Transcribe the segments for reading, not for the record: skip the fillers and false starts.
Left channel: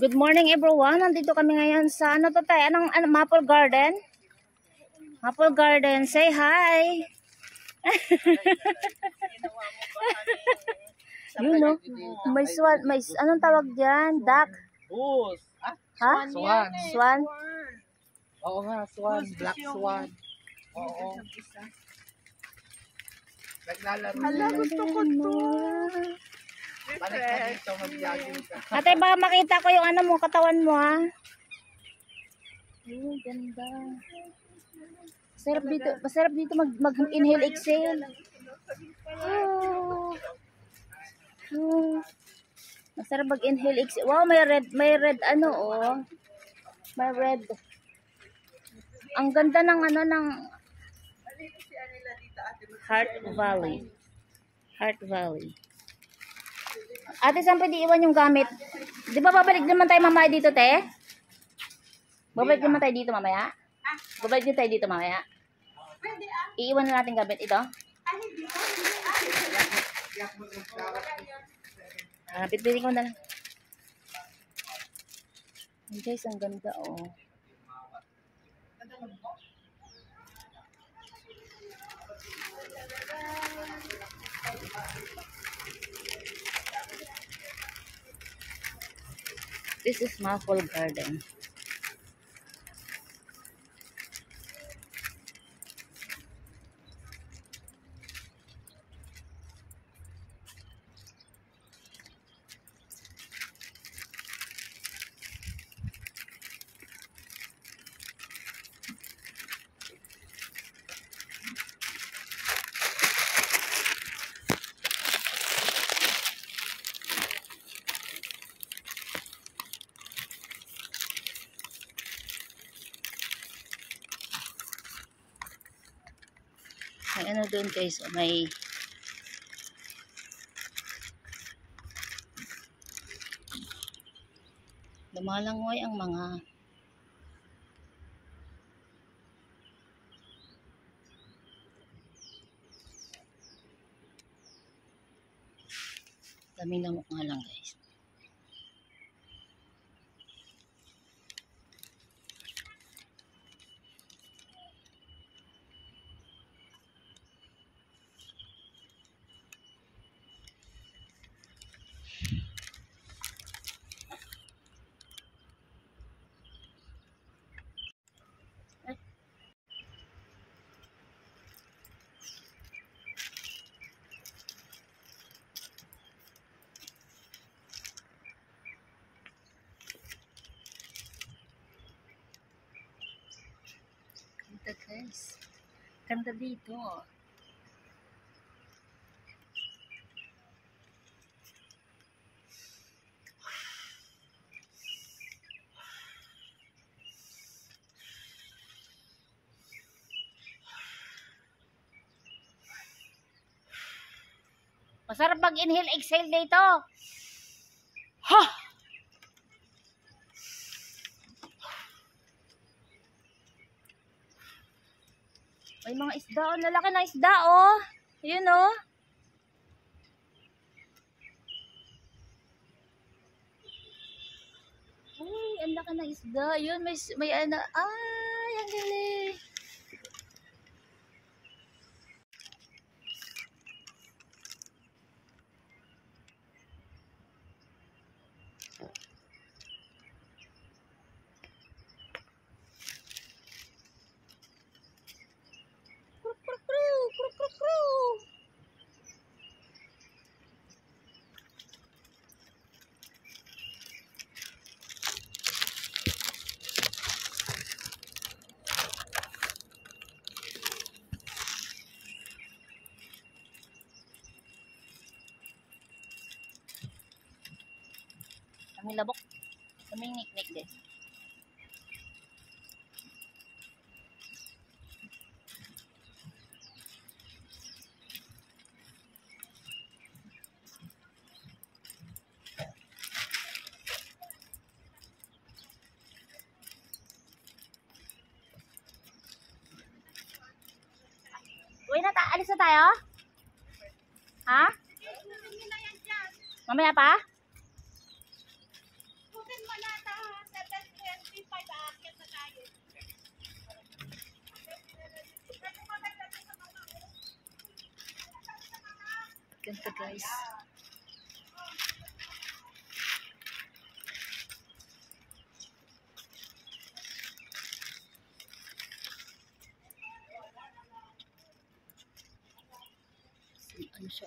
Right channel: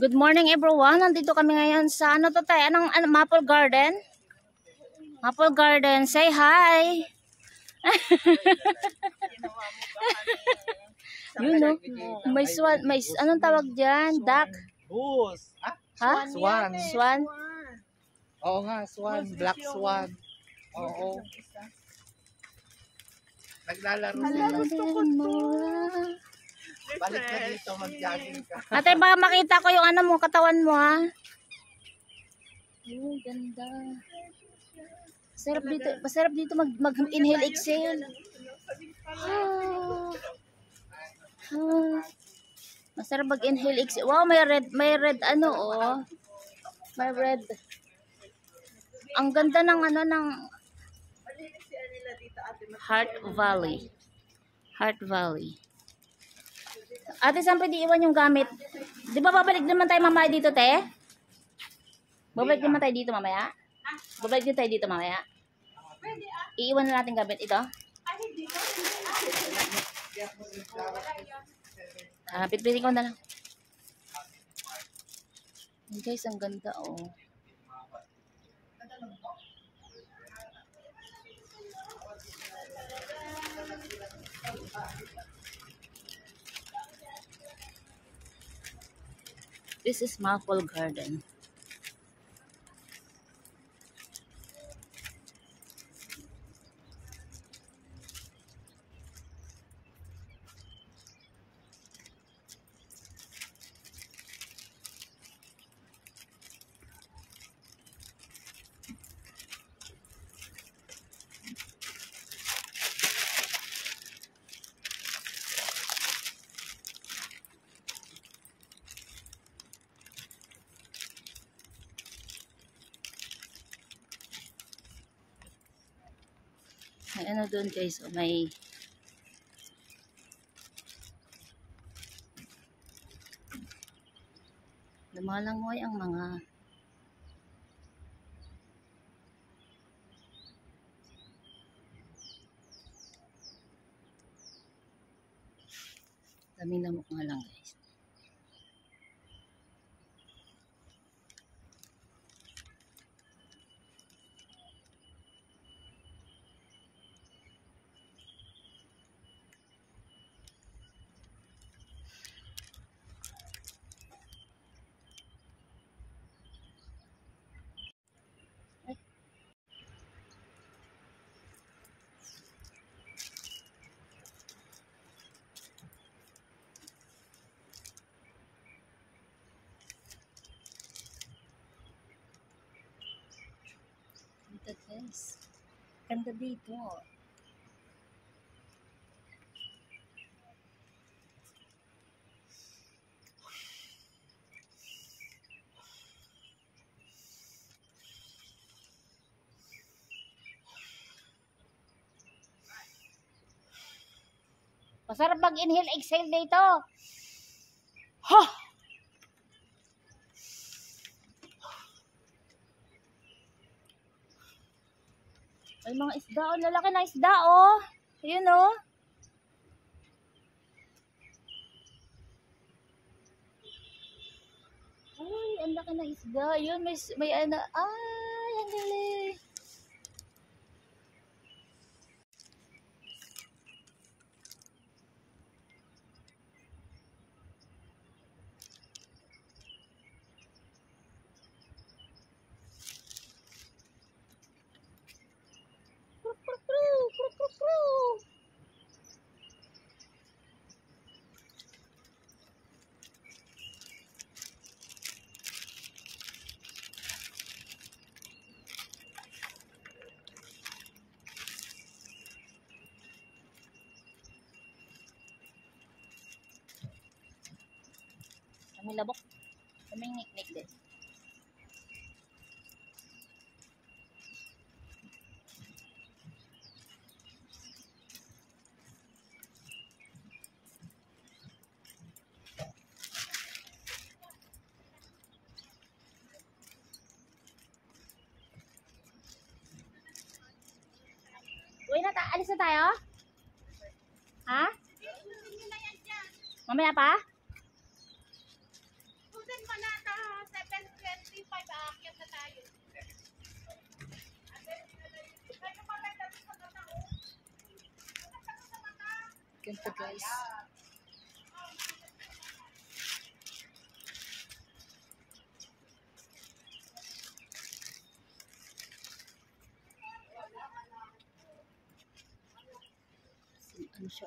Good morning everyone. Nandito kami ngayon sa ano to tayo? Anong Maple Garden? Maple Garden. Say hi. You know, may swan, may anong tawag diyan? Duck. Goose. Ha? Swan. Swan. Oo nga, swan, black swan. Oo. Naglalaro sila. Gusto ko to. Balik na dito, mag-jogging ka. Ate, baka makita ko yung ano mo, katawan mo ha. Oh, ganda. Masarap dito mag-inhale, exhale. Oh. Oh. Masarap mag-inhale, exhale. Wow, may red ano oh. May red. Ang ganda ng ano ng Heart Valley. Heart Valley. Ate, saan pwede iwan yung gamit? Di ba babalik naman tayo mamaya dito, te? Babalik naman tayo dito mamaya? Babalik din tayo dito mamaya? Iiwan na natin gamit ito? Pitpitin ko na lang. Guys, ang ganda oh. This is Maple Garden. May ano doon guys, may lumalangoy ang mga daming lamok nga lang guys. Ganda guys. Ganda dito. Masarap mag-inhale, exhale dito. Ha! May mga isda oh, lalaki na isda oh. Yun oh. Uy, ang laki na isda. Yun, may ano. Ay, ang galing. Kami labok. Kaming niknik din. Uy, alis na tayo? Ha? Mamaya pa? Ganda guys. Ano siya?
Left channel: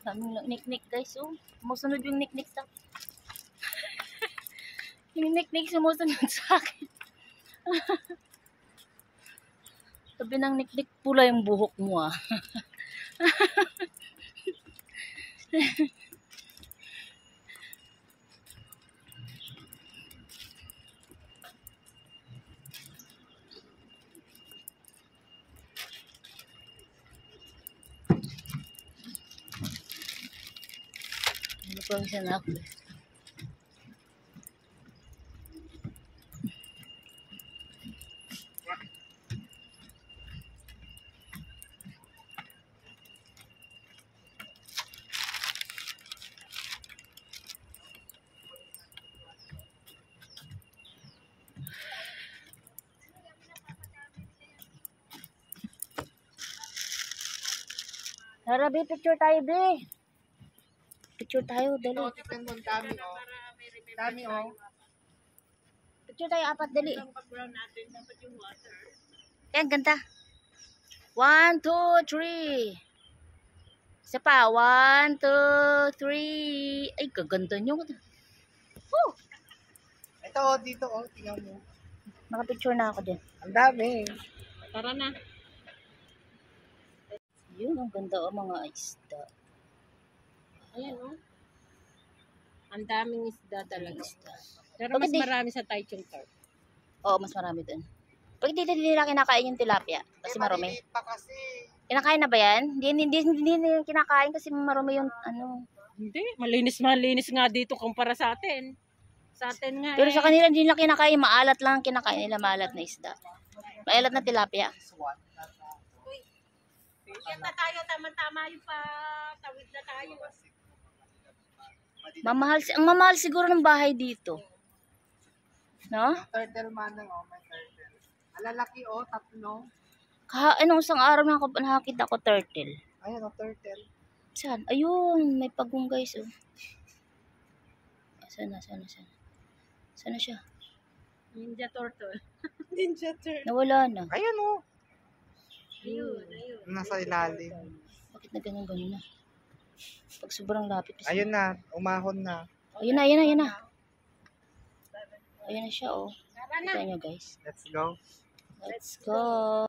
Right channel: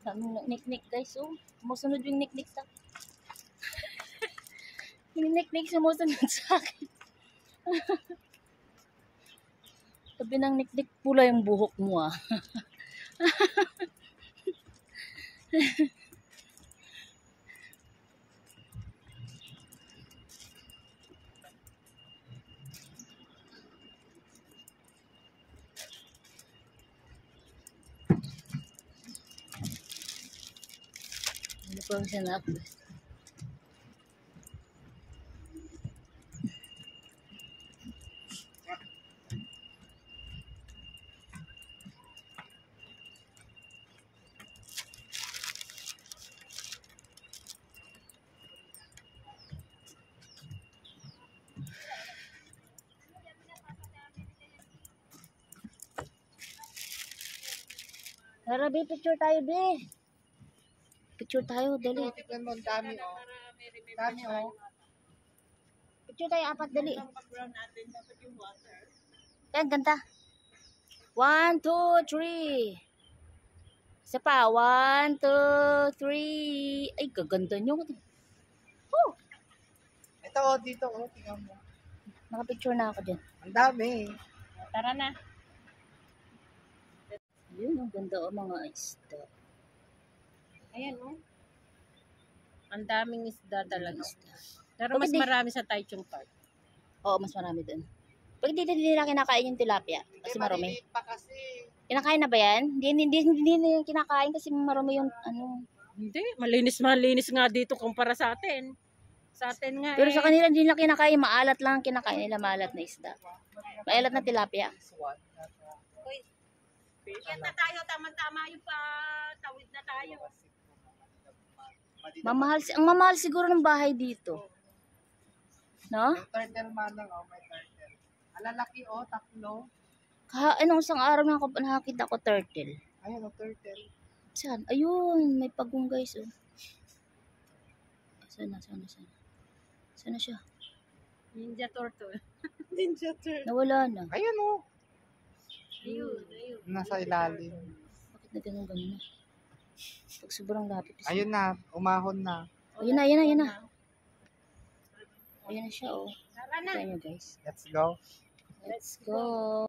Daming niknik guys, oh. Sumusunod yung niknik sa yung niknik sumusunod sa akin. Sabi ng niknik, pula yung buhok mo ah. Ano pa ang sanap? Tara, be, picture tayo, be. Picture tayo, dali. Ito, tignan mo, ang dami, oh. Dami, oh. Picture tayo, apat, dali. Yan, ganda. 1, 2, 3. Isa pa, 1, 2, 3. Ay, kaganda nyo. Woo! Ito, oh, dito, oh. Tingnan mo. Nakapicture na ako dyan. Ang dami. Tara na. Yun, ang ganda o mga isda. Ayan, oh. Ang daming isda talaga. Isda. Pero Bakit mas di- marami sa Taichung Park. Oo, mas marami dun. Pag dito nila kinakain yung tilapia, kasi marumi. Maliliit pa kasi. Kinakain na ba yan? Hindi nila kinakain kasi marumi yung ano. Hindi, malinis nga dito kumpara sa atin. Sa atin nga Pero sa kanila hindi nila kinakain, maalat lang ang kinakain nila, maalat na isda. Maalat na tilapia. This one. Yan na tayo, tama-tama yung tawid na tayo. Ang mamahal siguro ng bahay dito. No? Yung turtle manang, oh, may turtle. Alalaki, oh, tatlo. Anong isang araw nakakita ko turtle. Ayan, oh, turtle. Saan? Ayun, may pagong guys, oh. Sana. Sana siya? Ninja turtle. Ninja turtle. Nawala na. Ayan, oh. Ayun. Nasa ilalim. Bakit na ganun na? Pag sobrang lapit. Ayun na, umahon na. Ayun na. Ayun na siya, oh. Tara na. Kita nyo, guys. Let's go. Let's go.